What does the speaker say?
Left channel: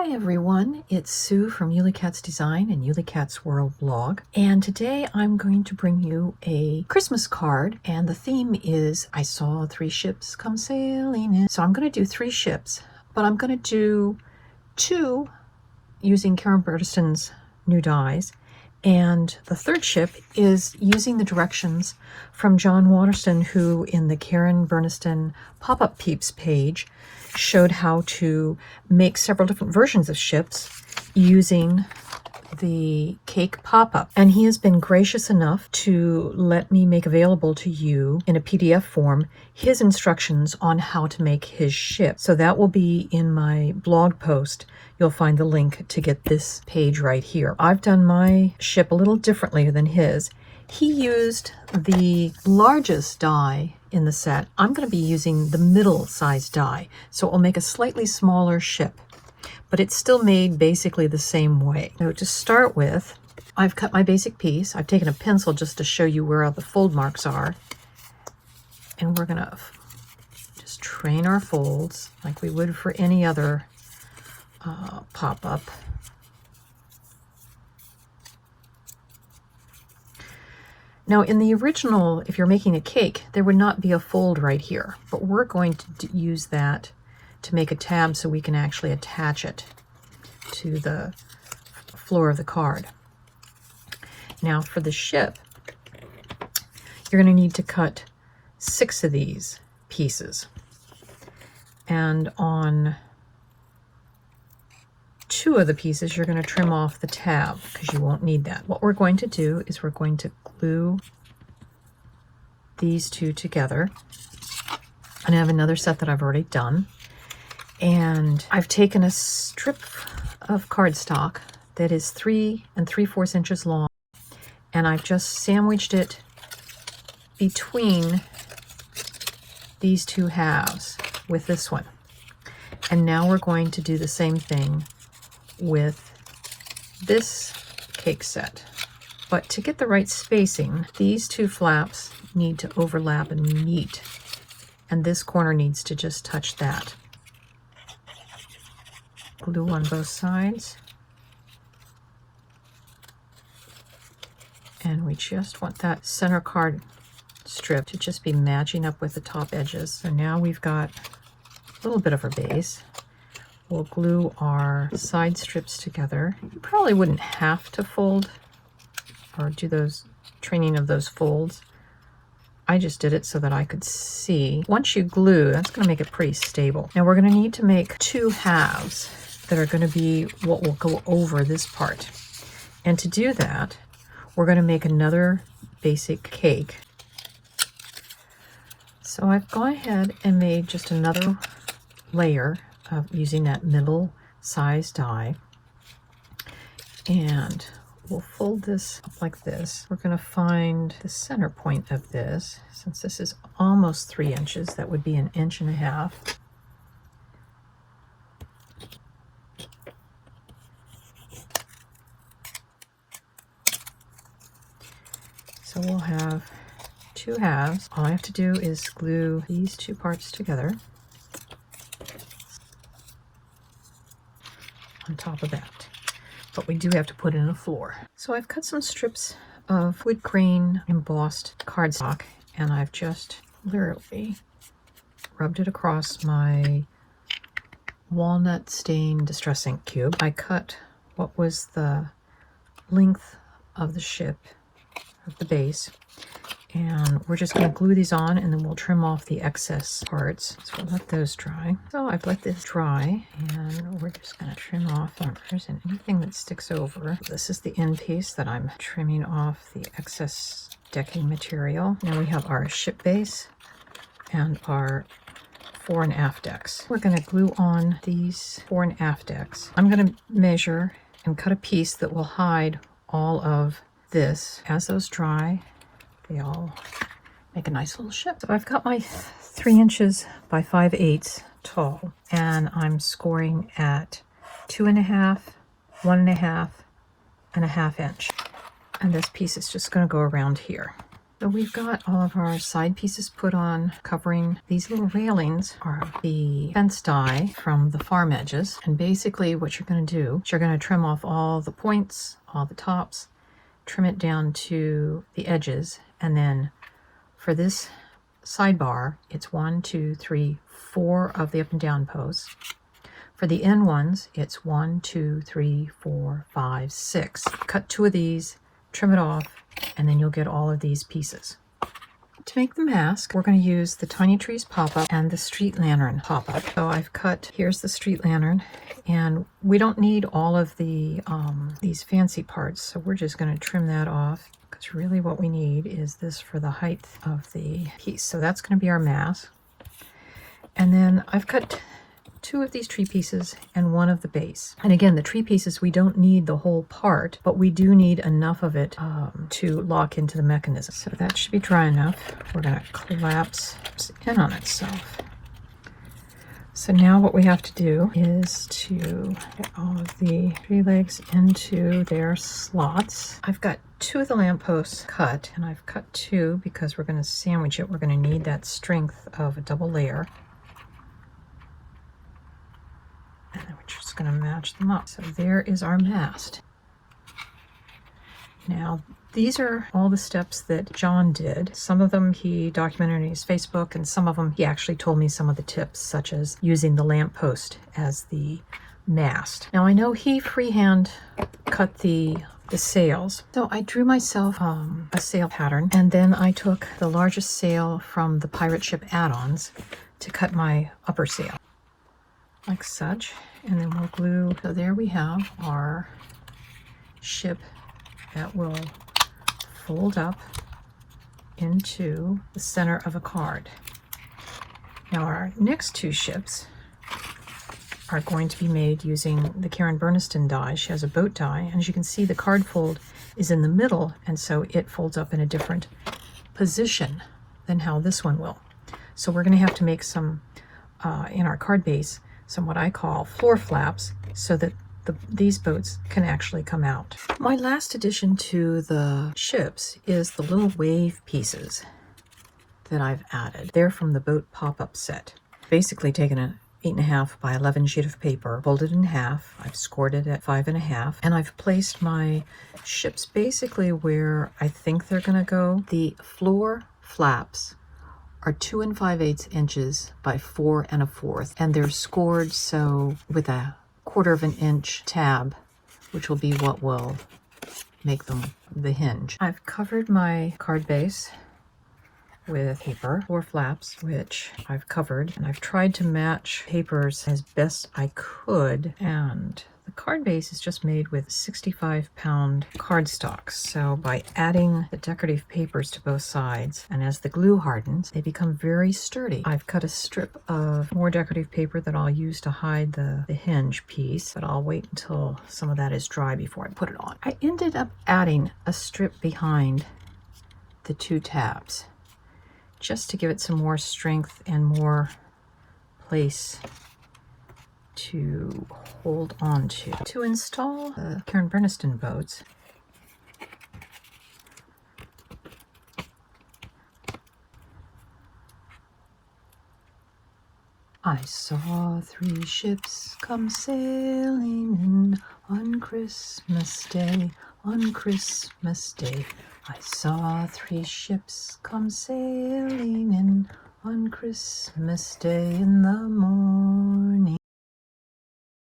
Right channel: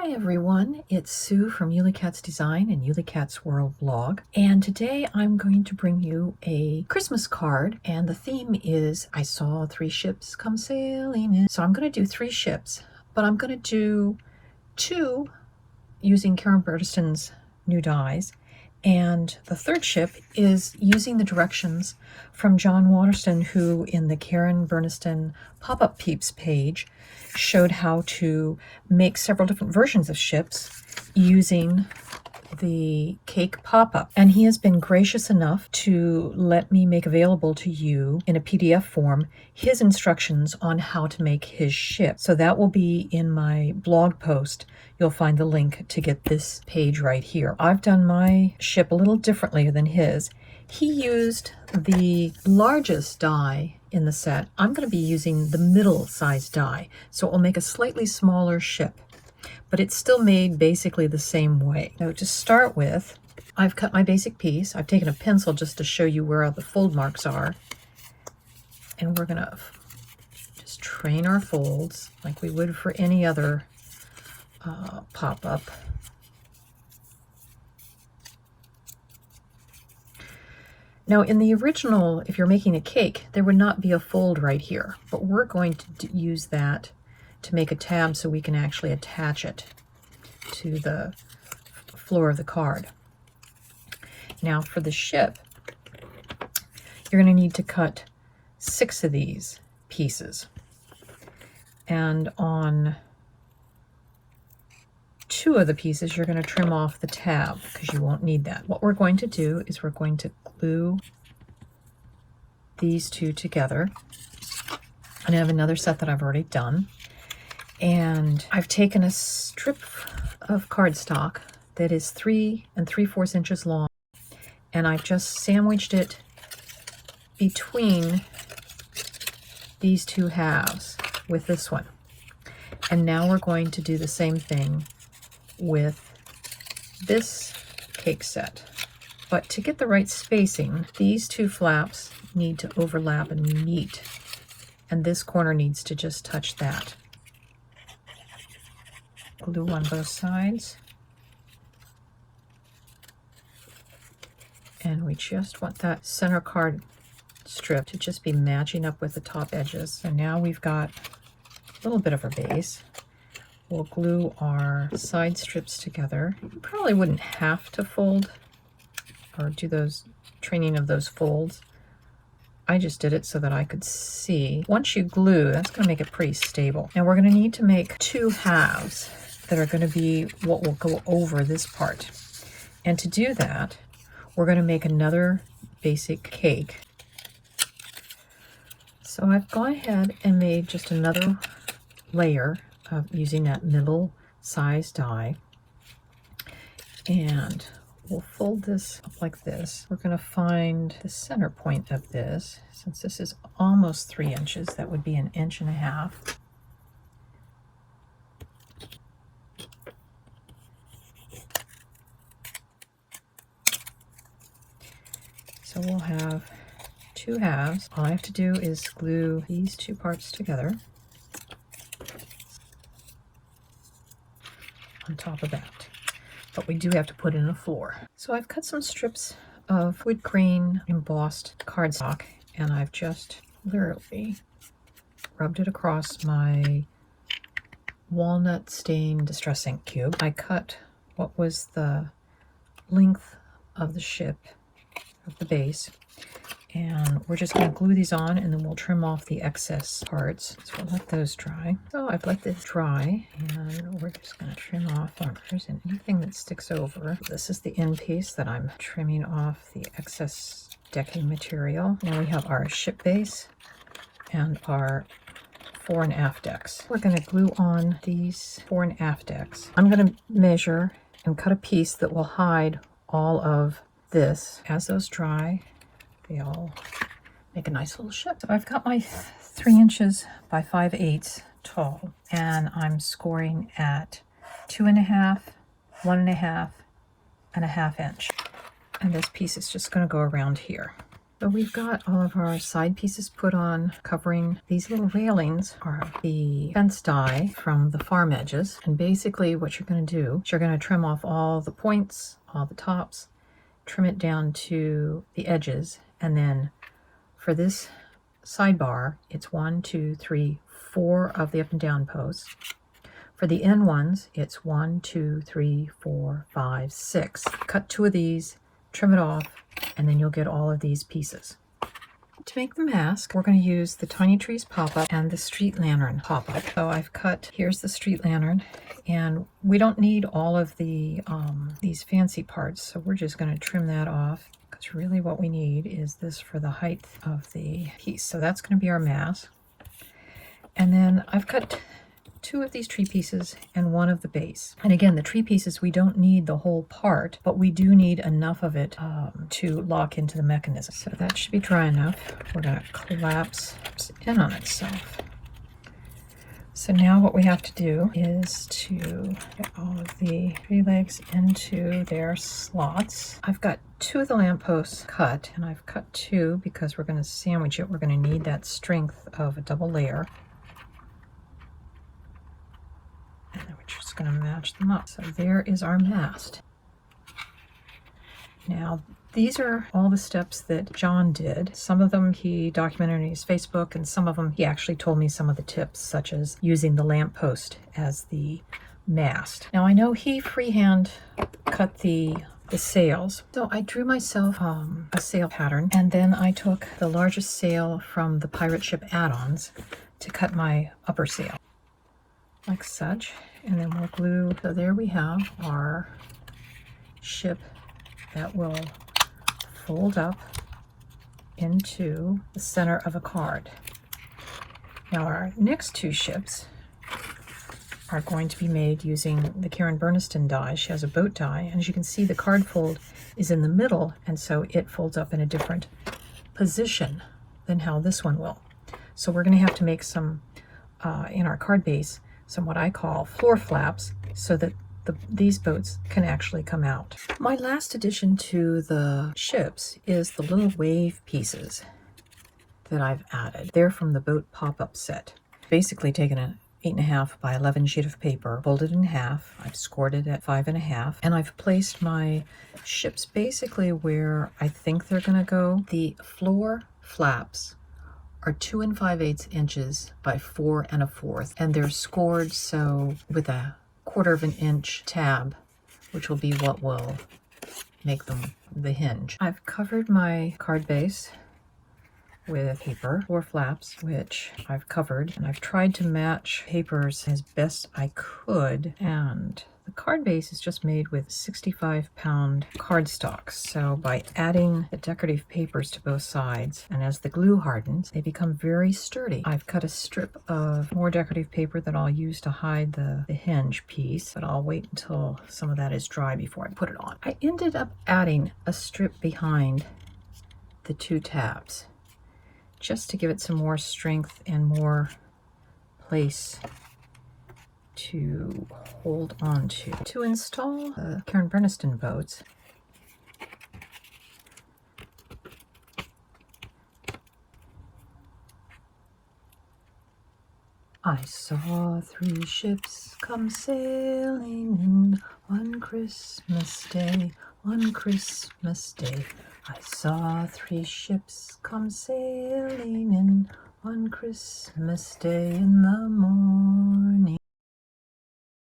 Hi everyone, it's Sue from Ully Cat's Design and Ully Cat's World Blog, and today I'm going to bring you a Christmas card, and the theme is I saw 3 ships come sailing in. So I'm going to do 3 ships, but I'm going to do 2 using Karen Burstyn's new dies, and the 3rd ship is using the directions from John Watterson, who in the Karen Burstyn Pop-Up Peeps page showed how to make several different versions of ships using the cake pop-up. And he has been gracious enough to let me make available to you in a PDF form his instructions on how to make his ship. So that will be in my blog post. You'll find the link to get this page right here. I've done my ship a little differently than his. He used the largest die in the set. I'm going to be using the middle-sized die, so it will make a slightly smaller ship, but it's still made basically the same way. Now, to start with, I've cut my basic piece. I've taken a pencil just to show you where the fold marks are, and we're going to just train our folds like we would for any other pop-up. Now, in the original, if you're making a cake, there would not be a fold right here, but we're going to use that to make a tab so we can actually attach it to the floor of the card. Now, for the ship, you're going to need to cut 6 of these pieces. And on 2 of the pieces, you're going to trim off the tab because you won't need that. What we're going to do is we're going to glue these 2 together. And I have another set that I've already done. And I've taken a strip of cardstock that is 3 3/4 inches long, and I've just sandwiched it between these 2 halves with this one. And now we're going to do the same thing with this cake set. But to get the right spacing, these 2 flaps need to overlap and meet, and this corner needs to just touch that. Glue on both sides, and we just want that center card strip to just be matching up with the top edges. So now we've got a little bit of a base. We'll glue our side strips together. You probably wouldn't have to fold or do those training of those folds. I just did it so that I could see. Once you glue, that's going to make it pretty stable. Now we're going to need to make 2 halves that are going to be what will go over this part. And to do that, we're going to make another basic cake. So I've gone ahead and made just another layer of using that middle size die, and we'll fold this up like this. We're going to find the center point of this. Since this is almost 3 inches, that would be 1.5 inches. So we'll have 2 halves. All I have to do is glue these 2 parts together on top of that, but we do have to put in a floor. So I've cut some strips of wood grain embossed cardstock, and I've just literally rubbed it across my walnut stain distress ink cube. I cut what was the length of the ship, of the base, and we're just going to glue these on, and then we'll trim off the excess parts. So we'll let those dry. So I've let this dry, and we're just going to trim off corners and anything that sticks over. This is the end piece that I'm trimming off the excess decking material. Now we have our ship base and our fore and aft decks. We're going to glue on these fore and aft decks. I'm going to measure and cut a piece that will hide all of this. As those dry, they all make a nice little ship. So I've got my 3 inches by 5/8 tall, and I'm scoring at 2.5, 1.5, and 1/2 inch. And this piece is just going to go around here. So we've got all of our side pieces put on, covering. These little railings are the fence dye from the farm edges. And basically what you're going to do is you're going to trim off all the points, all the tops, trim it down to the edges. And then for this sidebar, it's 1, 2, 3, 4 of the up and down posts. For the end ones, it's 1, 2, 3, 4, 5, 6. Cut 2 of these, trim it off, and then you'll get all of these pieces. To make the mask, we're going to use the Tiny Trees pop-up and the Street Lantern pop-up. So I've cut, here's the Street Lantern, and we don't need all of the these fancy parts, so we're just going to trim that off, because really what we need is this for the height of the piece. So that's going to be our mask. And then I've cut 2 of these tree pieces and 1 of the base. And again, the tree pieces, we don't need the whole part, but we do need enough of it to lock into the mechanism. So that should be dry enough. We're going to collapse in on itself. So now what we have to do is to get all of the tree legs into their slots. I've got 2 of the lampposts cut, and I've cut 2 because we're going to sandwich it. We're going to need that strength of a double layer. And we're just going to match them up. So there is our mast. Now, these are all the steps that John did. Some of them he documented on his Facebook, and some of them he actually told me some of the tips, such as using the lamppost as the mast. Now, I know he freehand cut the sails. So I drew myself a sail pattern, and then I took the largest sail from the pirate ship add-ons to cut my upper sail, like such. And then we'll glue. So there we have our ship that will fold up into the center of a card. Now our next 2 ships are going to be made using the Karen Burniston die. She has a boat die, and as you can see, the card fold is in the middle, and so it folds up in a different position than how this one will. So we're going to have to make some, in our card base, some what I call floor flaps, so that these boats can actually come out. My last addition to the ships is the little wave pieces that I've added. They're from the boat pop-up set. Basically taken an 8.5 by 11 sheet of paper, folded in half. I've scored it at 5.5, and I've placed my ships basically where I think they're going to go. The floor flaps are 2 5/8 inches by 4 1/4, and they're scored so with a 1/4 of an inch tab, which will be what will make them the hinge. I've covered my card base with paper, 4 flaps, which I've covered, and I've tried to match papers as best I could, and the card base is just made with 65-pound cardstock. So by adding the decorative papers to both sides, and as the glue hardens, they become very sturdy. I've cut a strip of more decorative paper that I'll use to hide the hinge piece, but I'll wait until some of that is dry before I put it on. I ended up adding a strip behind the 2 tabs, just to give it some more strength and more place to hold on to. To install the Karen Burniston boats, I saw 3 ships come sailing in on Christmas Day. On Christmas Day, I saw 3 ships come sailing in on Christmas Day in the morning.